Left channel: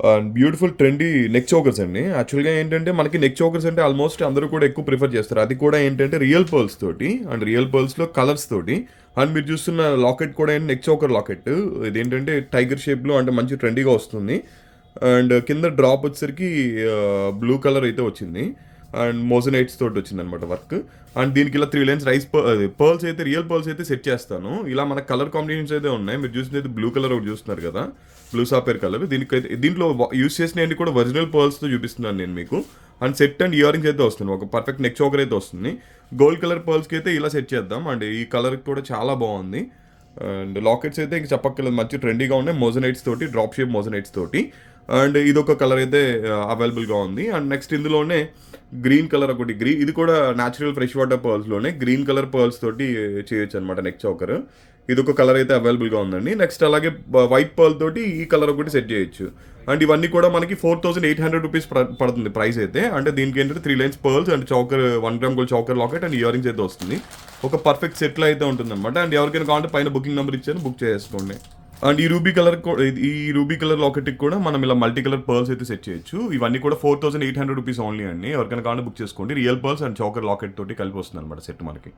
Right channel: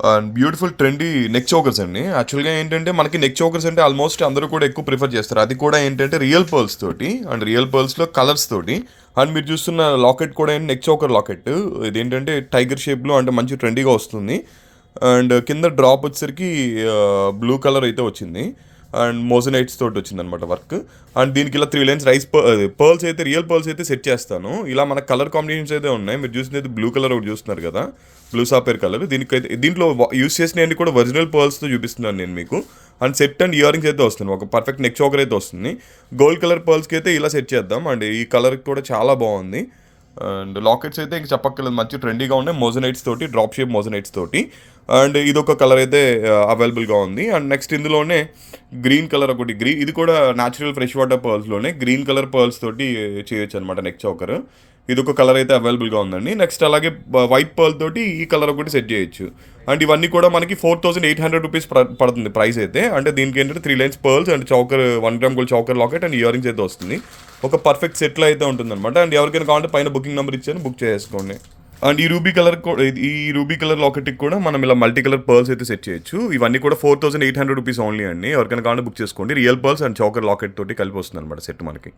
And beautiful trendy neck chokers అండి. యాక్చువల్గా ఏంటంటే మనకి నెక్ చోకర్స్ అంటే ఆల్మోస్ట్ అందరూ కూడా ఎక్కువ ప్రిఫర్ చేస్తారు. అది కూడా ఏంటంటే రియల్ పర్ల్స్ తోటి అండ్ రియల్ పర్ల్స్లో కలర్స్ తోటి. అండ్ మీరు చూస్తున్న లాకెట్ కూడా ఏంటి? నెక్ చోకర్ లాకెట్ ఇదేంటంటే టైగర్ షేప్లో అంటే మంచి ట్రెండీగా వస్తుంది. అండ్ కింద డ్రాప్ వచ్చేసరికి బ్లూ కలర్ అయితే వచ్చింది. అండ్ మోజనైట్స్ తోటి వచ్చింది అనమాట వర్క్. అండ్ దీనికి ఇలా త్రీ లైన్స్ రైస్ పర్ల్స్ అయితే రియల్ పర్ల్స్ అయితే సెట్ చేస్తాను. ఇలా మన కలర్ కాంబినేషన్స్ అయితే ఉన్నాయి. మీరు చూసినది బ్లూ కలర్ ఒకటి చూస్తున్నారు కదా. బ్లూ సాపేర్ కలర్ దీనికైతే దీంట్లో యూస్ చేసినవి కూడా ఒరిజినల్ పర్ల్స్తో చూపిస్తున్నాను నేను మీకు. And set and earrings అయితే వస్తుంది ఒక పర్ఫెక్ట్ నెక్ చోకర్ అయితే వస్తుంది. గోల్డ్ కలర్ పర్ల్స్కి అయితే ఇలా సెట్ చేద్దాం. అండ్ ఈ కలర్ కూడా చాలా బాగుంది. అండ్ లాకెట్స్ అయితే ఇంక చెప్పక్కర్లేదు. మంచి ట్రెండీగా ఉన్నాయి. మోజనైట్స్ తోటి డ్రాప్ షేప్ మోజనైట్స్ తోటి. అండ్ ఇది ఒక కలర్ అయితే uh, అవైలబుల్గా ఉంది. అండ్ నెక్స్ట్ ఇందులోనే గ్రీన్ కలర్ ఒకటి. గ్రీన్ ఇది కూడా న్యాచురల్ ఫ్రెష్ వాటర్ పర్ల్స్లోనే గ్రీన్ కలర్ పర్ల్స్ తోటి చేయొచ్చు అనమాట నెక్ చౌకర్ ఇది ఒక కలర్ అయితే అవైలబుల్గా ఉందండి. నెక్స్ట్ అలాగే uh, వైట్ పర్ల్ తోటి ఈ కలర్ ఒకటి సెట్ చేయొచ్చు. అండ్ ఇవన్నీ కూడా మనకి four thousand eight hundred rupees పడుతుంది ప్రైస్ అయితే. అంటే దీనికి ఏంటంటే three lines pearls and choker one gram gold choker locket and earrings అయితే వస్తుంది. ఒక పర్ఫెక్ట్ సెట్లో అయితే ఉంటుందన్నమాట. అండ్ ఎవరికైనా కావాలంటే పైన బుకింగ్ నెంబర్ ఇచ్చాను బుక్ చేసుకోండి. అండ్ ఈ రూబీ కలర్ ఈ రూబీ కలర్ లాకెట్కి కూడా మనం ఇలా మల్టీ కలర్ పర్ల్స్ అయితే సెట్ చేయొచ్చు. ఇవన్నీ కూడా four thousand eight hundred rupees only అండి. ఎవరికైనా కావాలంటే బుక్ చేసుకోండి. Real pearls and choker locket తోటి కలిపి వస్తుంది అనమాట సెట్ మనకి.